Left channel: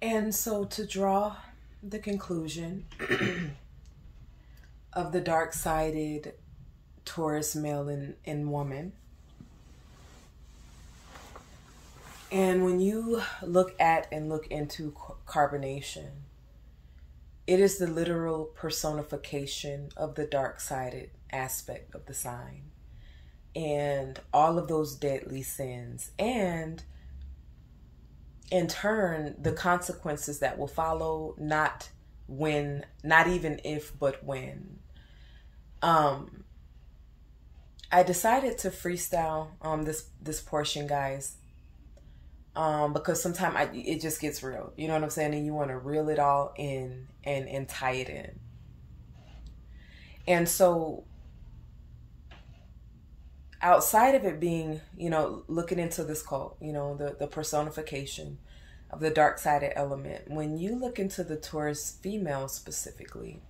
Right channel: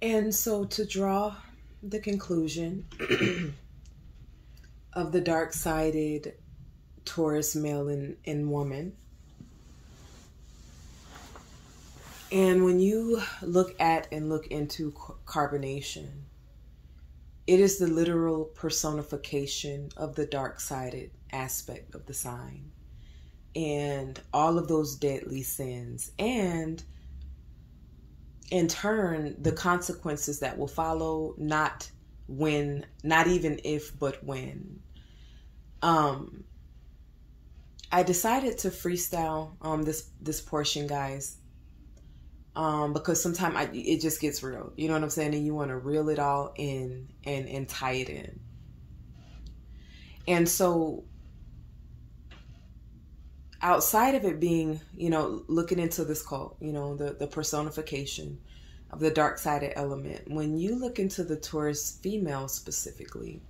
And so to draw the conclusion of the dark-sided Taurus male and woman, and when you look at and look into carbonation, it is the literal personification of the dark-sided aspect of the sign and all of those deadly sins, and in turn the consequences that will follow, not even if, but when. I decided to freestyle this portion, guys, because sometimes it just gets real, you know what I'm saying, and you want to reel it all in and tie it in. And so outside of it being, you know, looking into this cult, you know, the personification of the dark-sided element, when you look into the Taurus female specifically,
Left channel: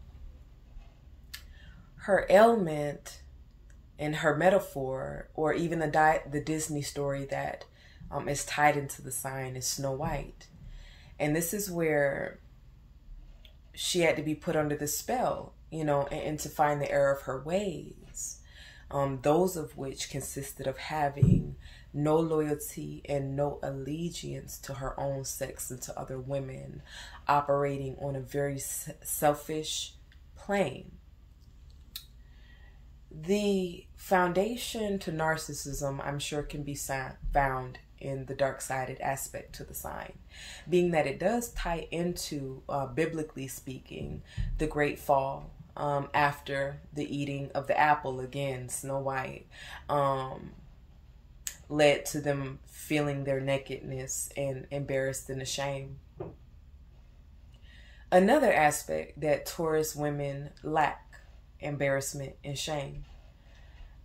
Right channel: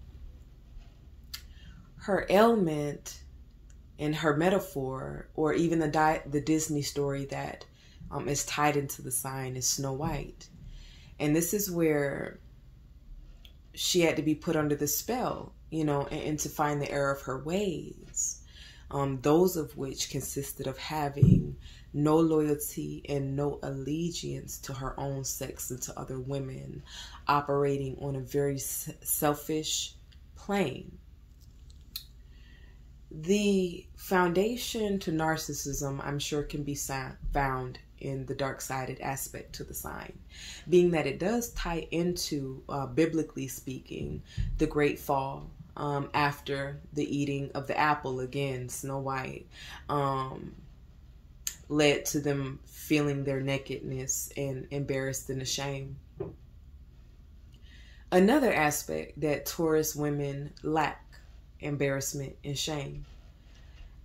her ailment and her metaphor, or even the Disney story that is tied into the sign, is Snow White. And this is where she had to be put under the spell, you know, and to find the error of her ways, those of which consisted of having no loyalty and no allegiance to her own sex and to other women, operating on a very selfish plane. The foundation to narcissism, I'm sure, can be found in the dark-sided aspect to the sign, being that it does tie into, biblically speaking, the great fall, after the eating of the apple. Again, Snow White, led to them feeling their nakedness and embarrassed and ashamed. Another aspect that Taurus women lack: embarrassment and shame,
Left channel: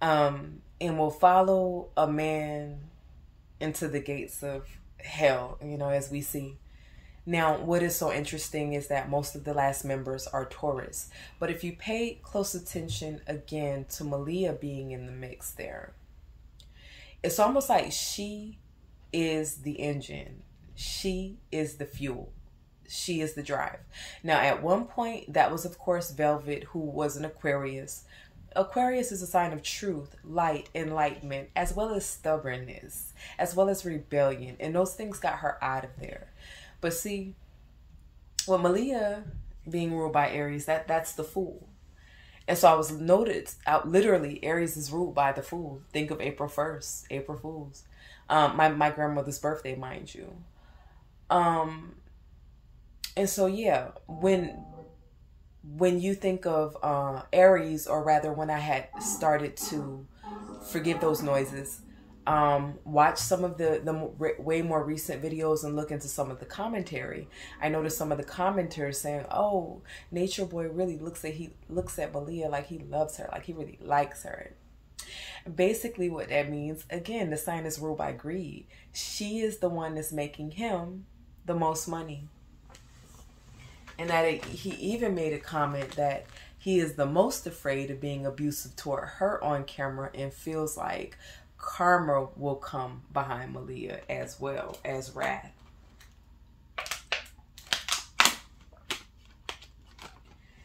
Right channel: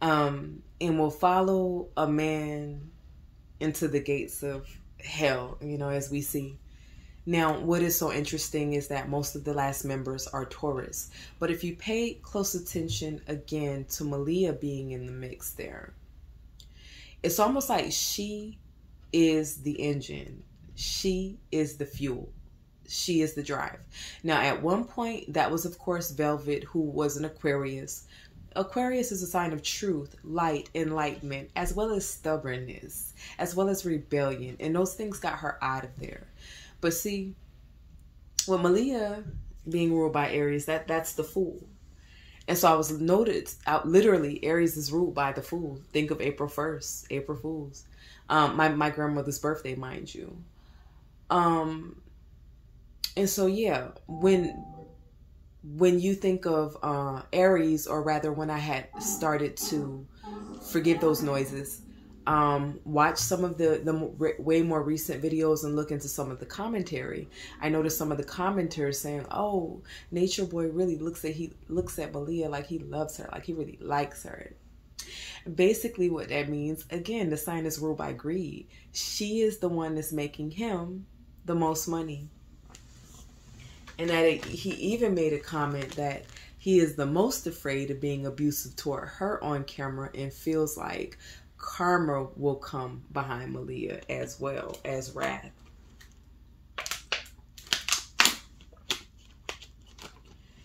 and will follow a man into the gates of hell, you know, as we see. Now, what is so interesting is that most of the last members are Taurus, but if you pay close attention again to Malia being in the mix there, it's almost like she is the engine, she is the fuel, she is the drive. Now, at one point, that was, of course, Velvet, who was an Aquarius. Aquarius is a sign of truth, light, enlightenment, as well as stubbornness, as well as rebellion. And those things got her out of there. But see, with Malia being ruled by Aries, that's the fool. And so I was noted out, literally, Aries is ruled by the fool. Think of April 1st, April Fools. My grandmother's birthday, mind you. And so, yeah, when you think of Aries, or rather when I had started to forgive those noises, watch some of the way more recent videos and look into some of the commentary, I noticed some of the commenters saying, oh, Nature Boy really looks at Malia like he loves her, like he really likes her. Basically what that means, again, the sign is ruled by greed. She is the one that's making him the most money. And that he even made a comment that he is the most afraid of being abusive toward her on camera, and feels like karma will come behind Malia as well as wrath.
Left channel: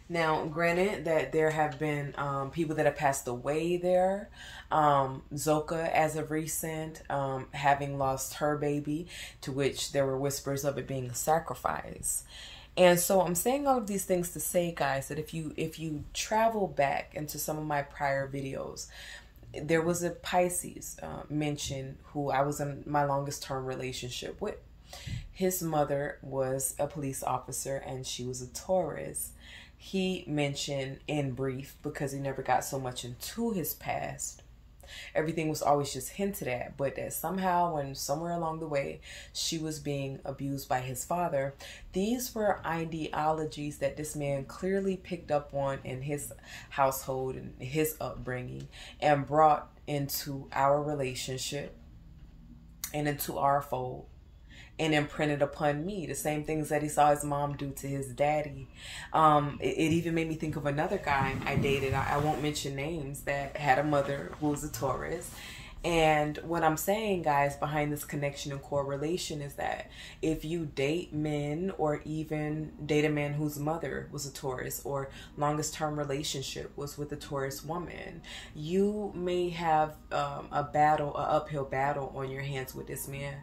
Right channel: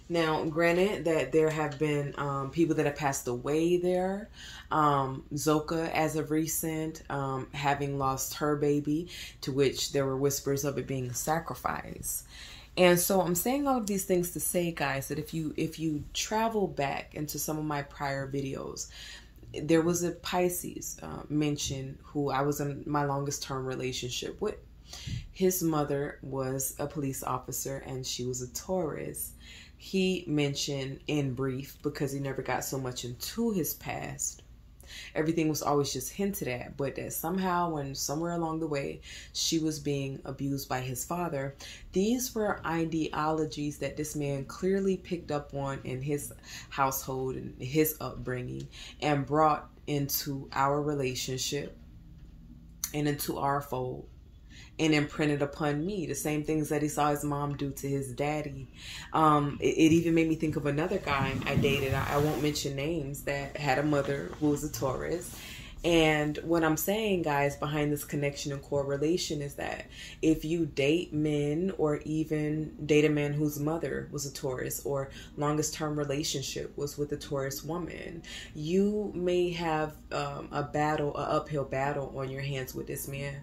Now, granted that there have been people that have passed away there. Zoka, as of recent, having lost her baby, to which there were whispers of it being a sacrifice. And so I'm saying all of these things to say, guys, that if you travel back into some of my prior videos, there was a Pisces mentioned who I was in my longest term relationship with. His mother was a police officer and she was a Taurus. He mentioned in brief, because he never got so much into his past, everything was always just hinted at, but that somehow, when somewhere along the way she was being abused by his father, these were ideologies that this man clearly picked up on in his household and his upbringing, and brought into our relationship and into our fold, and imprinted upon me the same things that he saw his mom do to his daddy. It even made me think of another guy I dated, I won't mention names, that had a mother who was a Taurus, And what I'm saying, guys, behind this connection and correlation is that if you date men, or even date a man whose mother was a Taurus, or longest term relationship was with a Taurus woman, you may have an uphill battle on your hands with this man,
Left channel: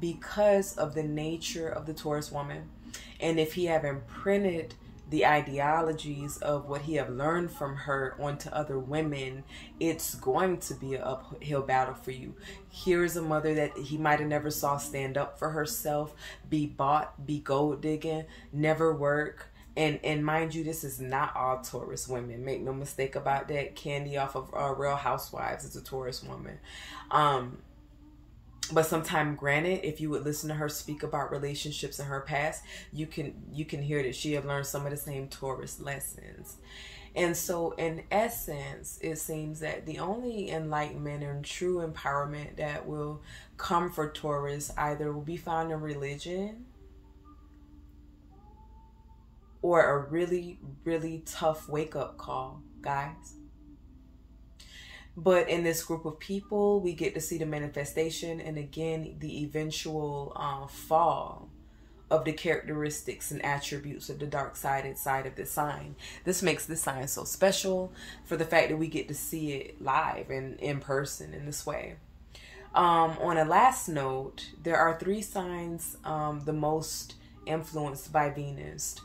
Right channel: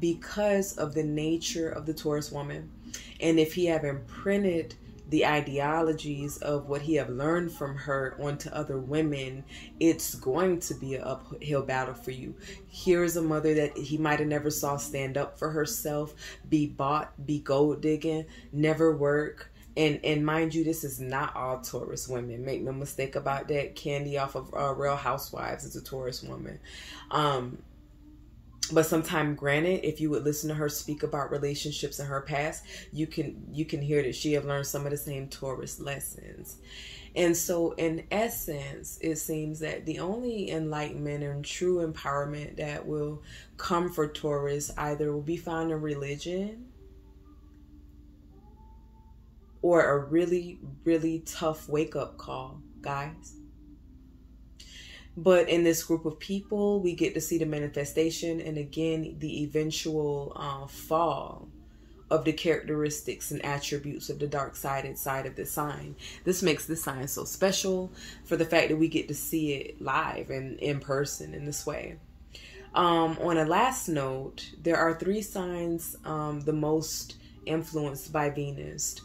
because of the nature of the Taurus woman. And if he have imprinted the ideologies of what he have learned from her onto other women, it's going to be an uphill battle for you. Here's a mother that he might have never saw stand up for herself, be bought, be gold digging, never work. And mind you, this is not all Taurus women. Make no mistake about that. Candy off of Real Housewives is a Taurus woman. But sometime, granted, if you would listen to her speak about relationships in her past, you can hear that she have learned some of the same Taurus lessons. And so, in essence, it seems that the only enlightenment and true empowerment that will come for Taurus either will be found in religion, or a really, really tough wake-up call, guys. But in this group of people, we get to see the manifestation and, again, the eventual fall of the characteristics and attributes of the dark-sided side of the sign. This makes this sign so special for the fact that we get to see it live and in person in this way. On a last note, there are 3 signs the most influenced by Venus.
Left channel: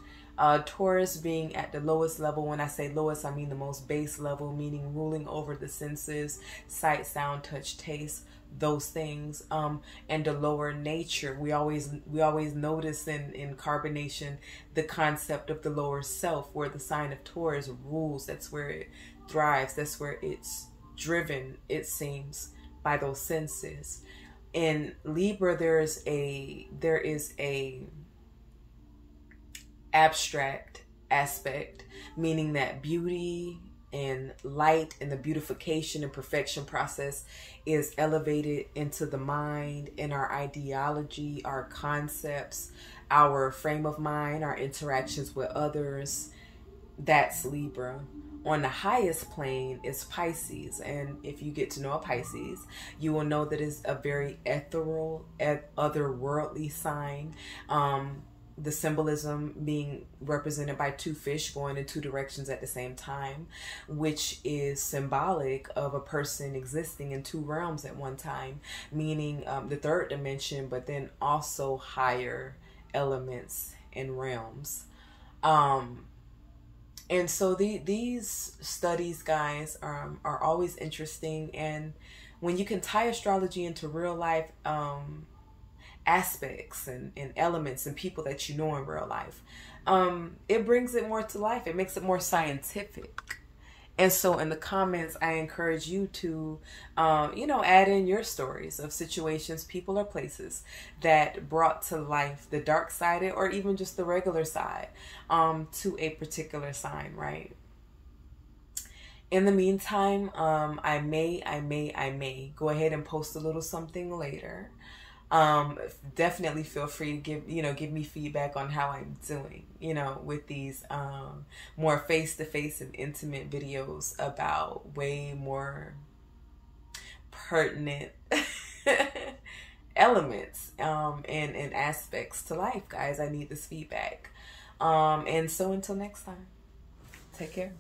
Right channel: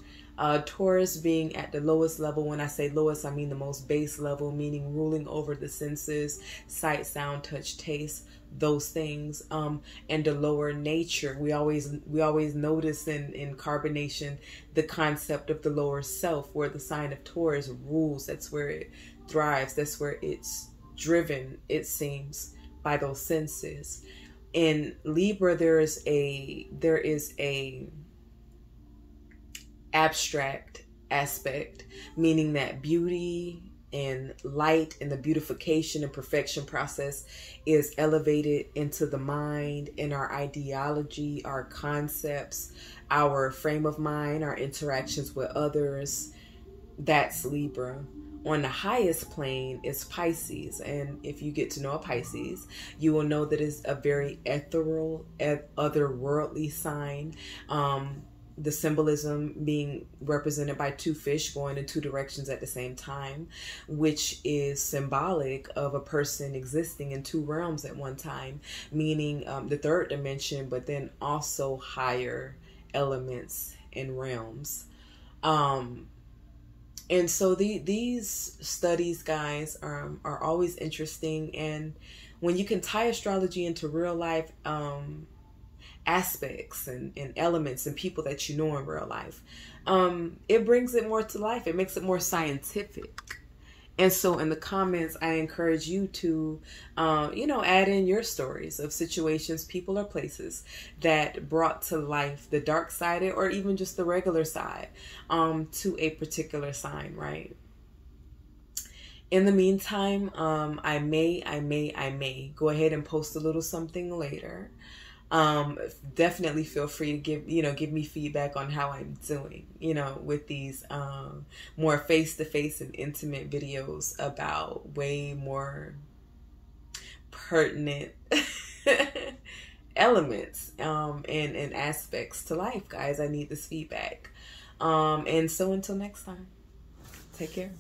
Taurus being at the lowest level. When I say lowest, I mean the most base level, meaning ruling over the senses, sight, sound, touch, taste, those things, and the lower nature. We always notice in carbonation the concept of the lower self, where the sign of Taurus rules. That's where it thrives. That's where it's driven, it seems, by those senses. In Libra, there is a abstract aspect, meaning that beauty and light and the beautification and perfection process is elevated into the mind, in our ideology, our concepts, our frame of mind, our interactions with others. That's Libra. On the highest plane is Pisces, and if you get to know a Pisces, you will know that it's a very ethereal, otherworldly sign. The symbolism being represented by 2 fish going in 2 directions at the same time, which is symbolic of a person existing in 2 realms at one time, meaning the 3rd dimension, but then also higher elements and realms. And so these studies, guys, are always interesting. And when you can tie astrology into real life aspects and elements and people that you know in real life, it brings it more to life. It makes it more scientific. And so in the comments, I encourage you to, add in your stories of situations, people, or places that brought to life the dark side, or even just the regular side, to a particular sign, right? In the meantime, I may go ahead and post a little something later. Definitely feel free to give me feedback on how I'm doing, with these more face-to-face and intimate videos about way more pertinent elements and aspects to life, guys. I need this feedback. And so until next time, take care.